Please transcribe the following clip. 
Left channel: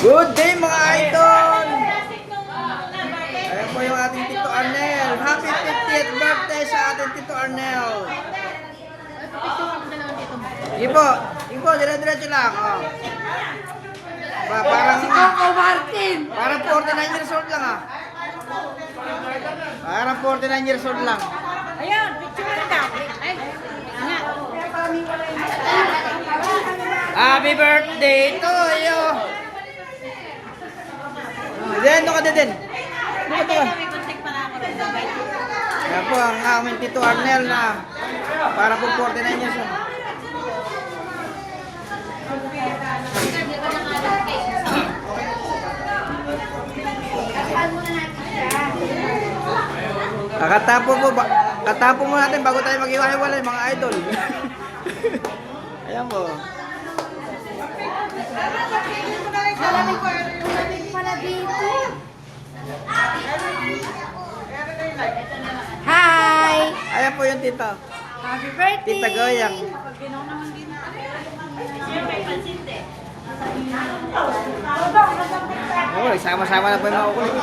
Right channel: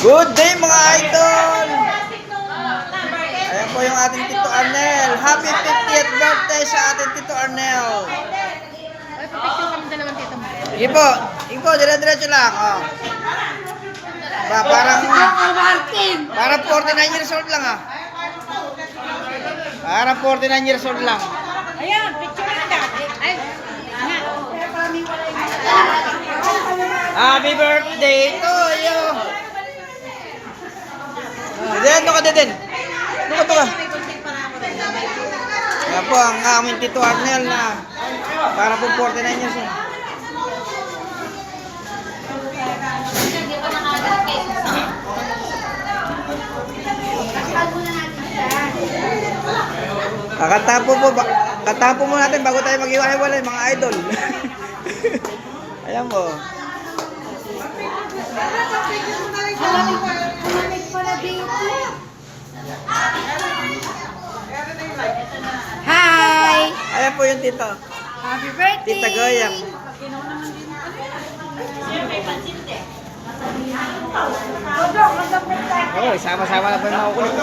Good day mga idol! Ayan po yung ating Tito Arnel. Happy 50th birthday sa ating Tito Arnel. Ay, papicture kami dalawang tito mo. Sige po, dire-diretso lang. Oh. Parang 49 years old lang ah. Parang 49 years old lang. Ayan, picture na natin. Ay, nga. Happy birthday to you! Diyan, doon ka din. Doon ka. Kaya po ang aming Tito Arnel na para po 49 years old. Katapo mo natin bago tayo mag-iwalay mga idol. Ayan po. Hi! Ayan po yung tito. Happy birthday! Tita Goyang. Oh, sama-sama na po yung mga kulit.